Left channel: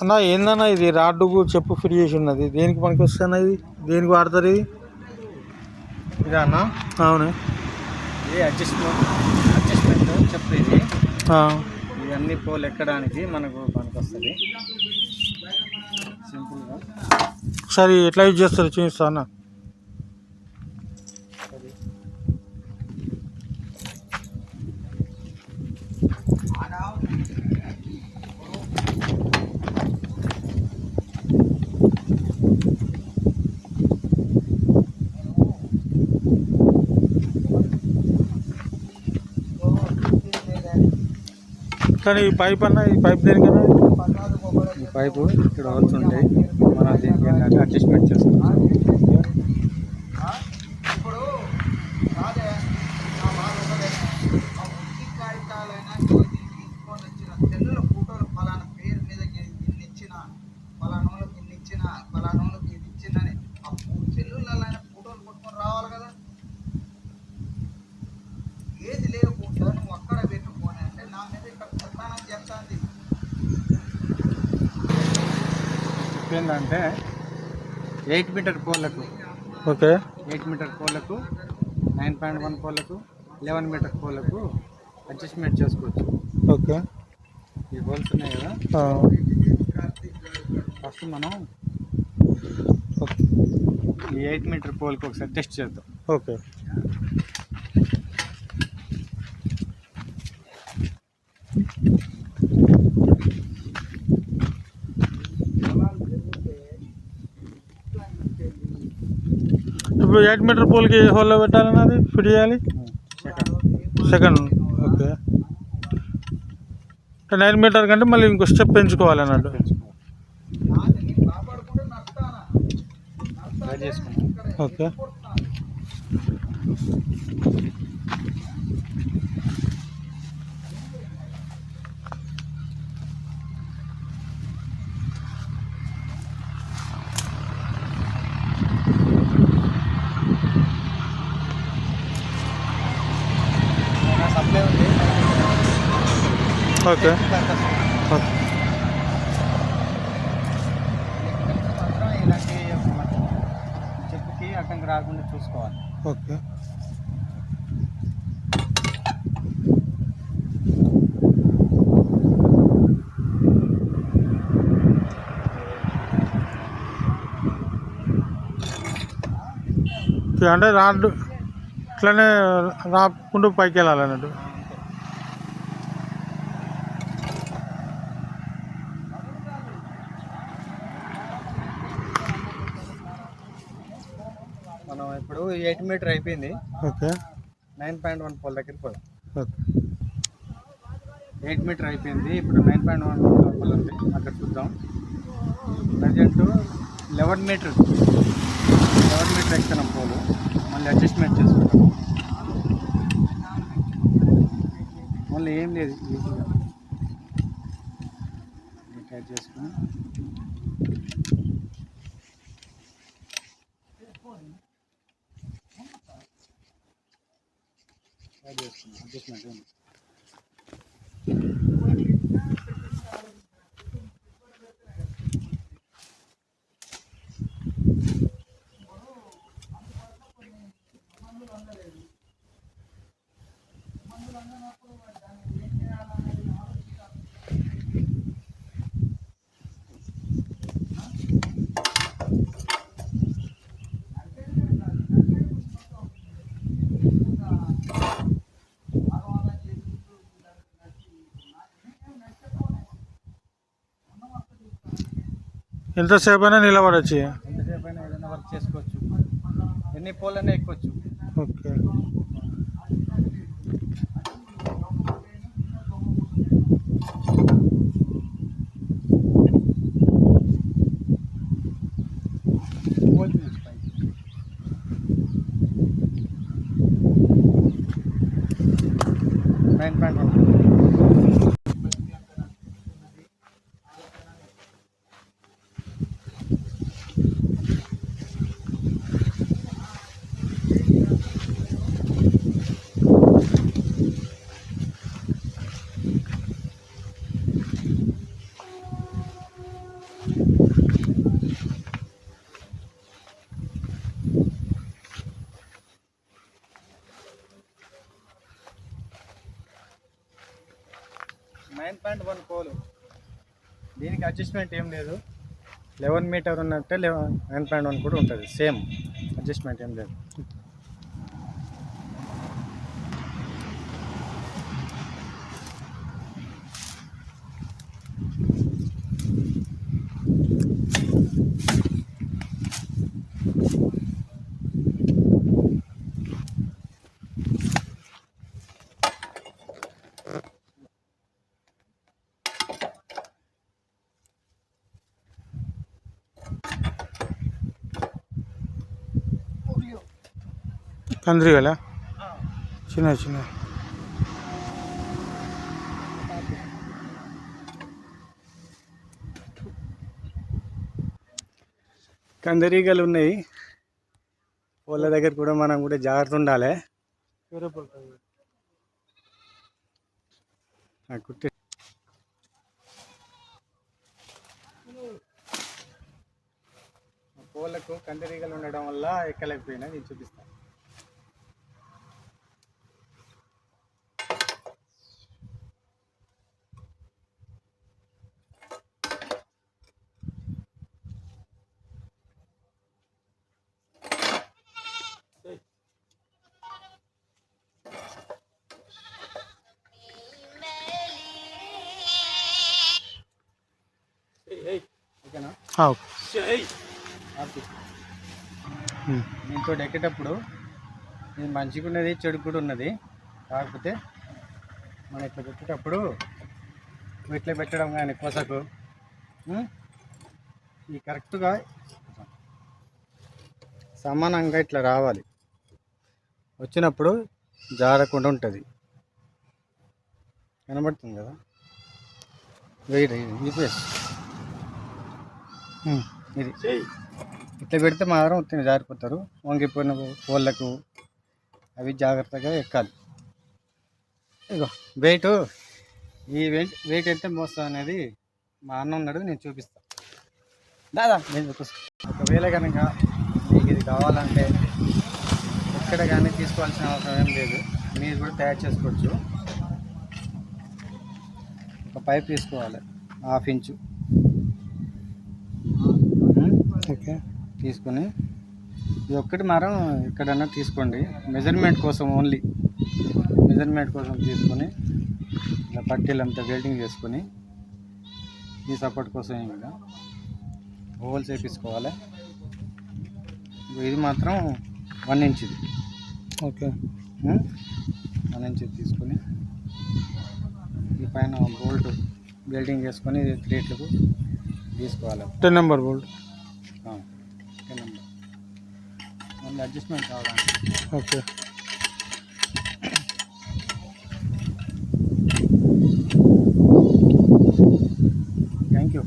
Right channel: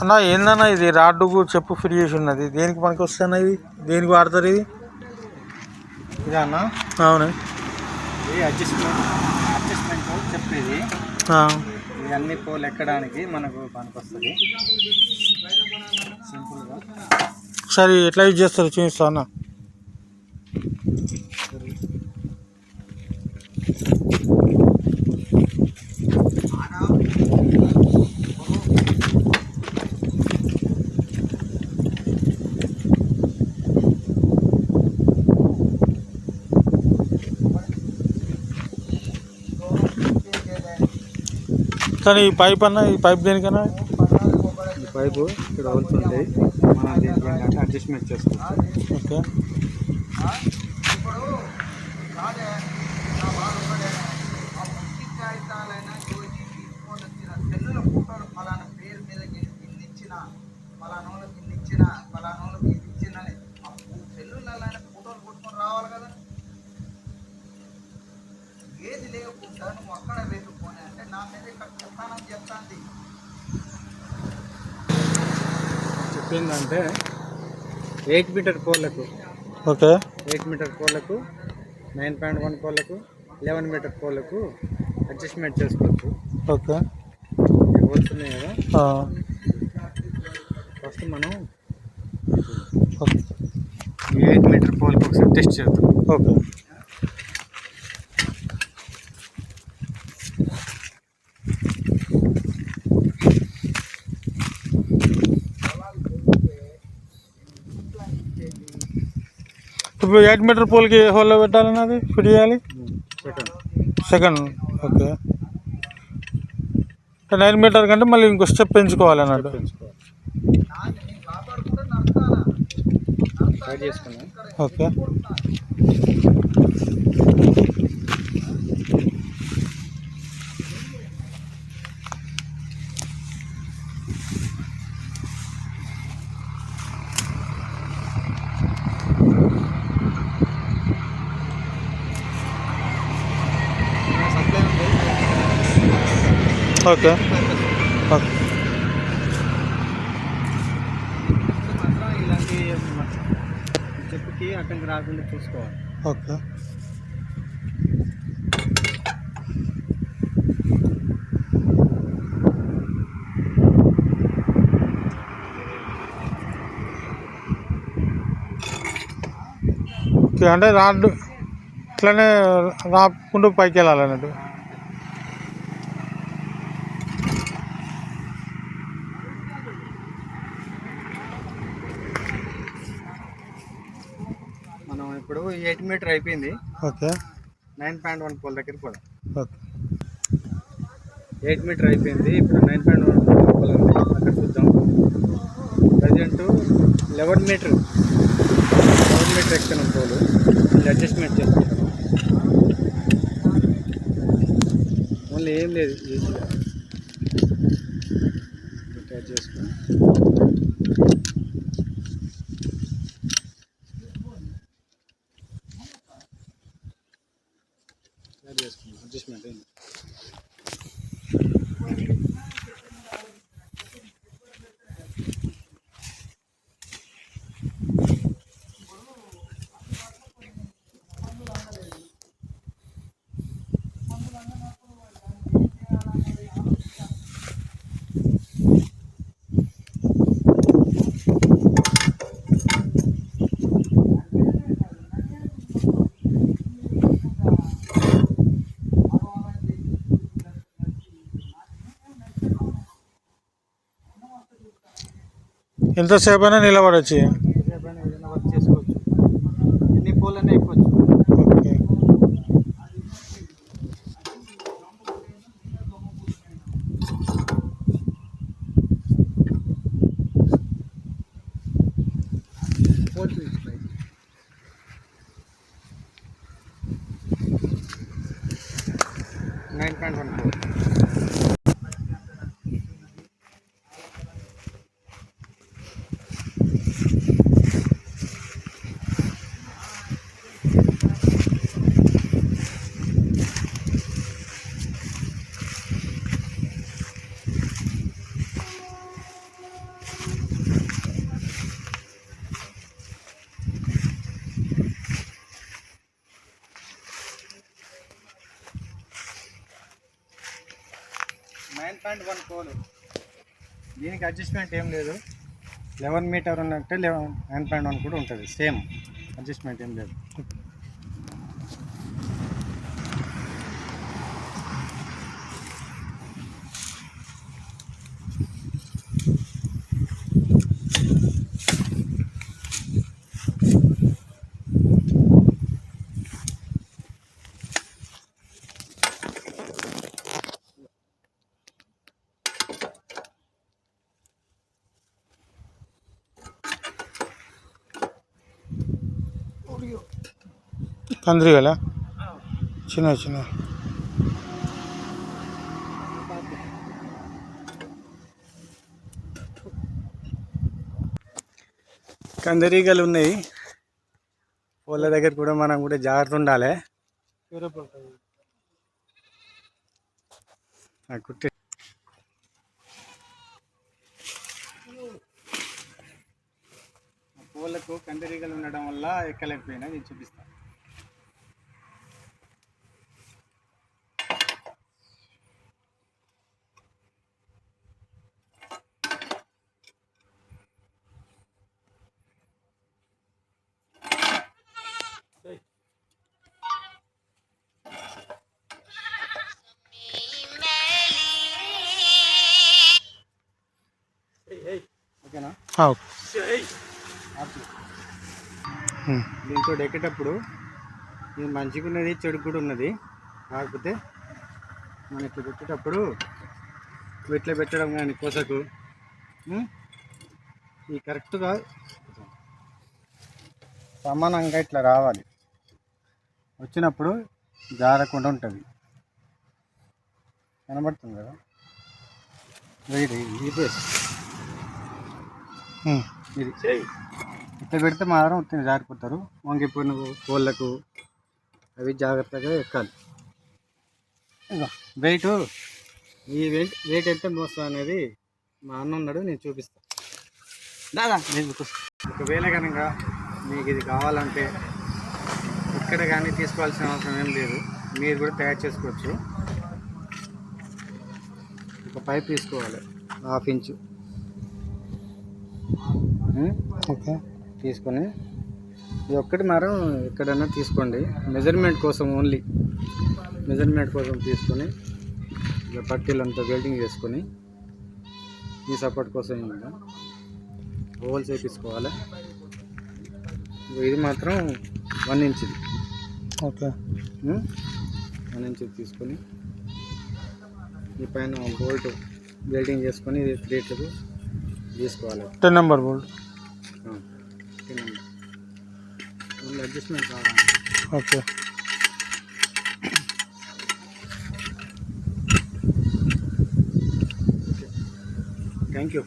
అన్న ఏందన్న ఇది? రాడ్డుకు చెప్పు ఫ్రీ చేసి ఉన్నది. దేనికి పనికి వస్తాయి ఇది దేనికి వాడతారు ఇది అవును. ఇది అడ్జస్ట్మెంట్ అడ్జస్ట్మెంట్ చెప్పు ఇది ఇవన్నీ పోలు ఎక్కడానికి మనకు పనికొస్తుంది. సింపుల్గా ఒకసారి ఎట్లా యూజ్ చేస్తారు చూపిస్తా అన్న? కానీ ఈ పైప్ అన్న ఈ పైప్ దేనికన్నా? ఈ పైపు ఇక్కడ ఉంది. మనం దీనికి అడ్జస్ట్మెంట్ చేస్తాం ఓకే. చెప్పిందంటే ఎయిట్ మీటర్ పోలకు ఓకే. ఎయిట్ మీటర్ పోలకు నైన్ పాయింట్ వన్ పోలకు లెవెన్ మీటర్ పోలకు అడ్జస్ట్మెంట్ చేసుకోవచ్చు. ఓకే. హోల్స్ ఉన్నాయి కదా? ఫస్ట్ మనం ఎయిట్ మీటర్ పోల్కి ఒకసారి టెస్ట్ చేద్దాం. ఓకే. ఇప్పుడు ఎయిట్ మీటర్ పోల్కి హోల్లో పెట్టాలని అది ఫిట్ చేయాలి? సెకండ్ ఓకే నైన్ మీటర్ కంటే మళ్ళీ ఇంకో స్టెప్ పెంచుకోవాలి. అన్నట్టు ఓకే ఓకే. ఓకే. ఇలాంటి చెప్పుకి అడ్డంకి రాకుండా చూసుకోవాలి ఓకే. ఓకే, అంటే రాడ్డు ఇట్లానే రాకుండా పైకి వెళ్ళాలి అన్నట్టు మనం ఇప్పుడు ఎయిట్ మీటర్ అయిపోయింది. Okay. Nine point one pole దగ్గరికి పోదాం ఓకే. ఎయిట్ మీటర్ అయిపోయింది. ఇప్పుడు నైన్ పాయింట్ వన్ పోల్ అక్కడ చూద్దాం. Present eleven metre eleven metre ఎక్కుతున్నాం pole మళ్ళీ అడ్జస్ట్మెంట్ చేస్తాం. మళ్ళీ ఏం లేదు ఈజీగా చేసుకుని. Imagina. ఎంతసేపు అయినా నిలబడచ్చు. Nine point one pole. దీనికి అడ్జస్ట్మెంట్ ఏం లేదు. లెవెన్ మీటర్ ఉన్నట్టే లెవెన్ నైన్ పాయింట్ వన్ కూడా ఉంటుంది. సేమ్ అడ్జస్ట్మెంట్ ఏం లేదు. కందిరి గల చిన్న చిన్న. కందరీగలు ఉన్నాయి. వాళ్ళ దగ్గర కూడా మనం కూడా జాగ్రత్త ఉండాలి. ఆ కుట్టి పూలకు కందిరీగలు ఉండడం వల్ల ఎక్కలేకపోయినా నేను చూపిస్తాను ఓకేనా. దీంతో ఎక్కేటప్పుడు ఇది మంచిగా ఉన్నది చెడు కూడా ఉన్నది కాకపోతే మనం ఇట్లా పెట్టేటప్పుడు ఇట్లా పెట్టడం కానీ కొసకు? ఈ కరెక్ట్గా సమానంగా ఇట్లా రావాలి. వచ్చినప్పుడు జారకుండా ఉంటుంది. కనబడుతుంది కదా? వెయిట్ ఉమ్. ఇది ఇట్లా పెడితే మాత్రం ఉత్తిని జారిపోతారు. వంగిపోయిన కోళ్ళకు అవి జాగ్రత్తగా ఎక్కాలి. ఇగో వెయిట్ ఈ వెయిట్ వెయిట్ ఎంత మోస్తా అనేది మా అన్న ఉన్నాడు నేను చూపిస్తాను దాదా నేను చూపిస్తాను ఒకవేళ కనుక మీకు ఇది కావాలంటే ఇక్కడ కానీ తీసుకోవాల్సిన అవసరం ఏం లేదు. మీరు కూడా తయారు చేసుకోవచ్చు. ఒక పైప్ తీసుకోవాలి హాఫ్ ఇంచు. ఓకే. తీసుకొని ఇది ఒక్కటి మాత్రం ఎక్కడన్నా తీసుకోండి. మెజర్మెంట్ కోసం ఓన్లీ మెజర్మెంట్ కోసం తీసుకొని ఇలా పట్టీలంతా వెల్డింగ్ చేసుకొని ఈ సపోర్ట్ కోసం ఏమన్నా హోల్స్ వేపించుకోవాలి ఇది మాత్రం వన్ ఇంచ్ ఇది. ఓకే. వన్ ఇంచ్ తీసుకొని ఈ పైన బోల్ట్ వెల్డింగ్ చేసుకొని ఇది త్రీట్లకు తీసుకోవాలి. టెన్ నెంబర్ బోల్డ్ మళ్ళీ అడ్జస్ట్మెంట్ కావాలి ఓకే థ్యాంక్ యూ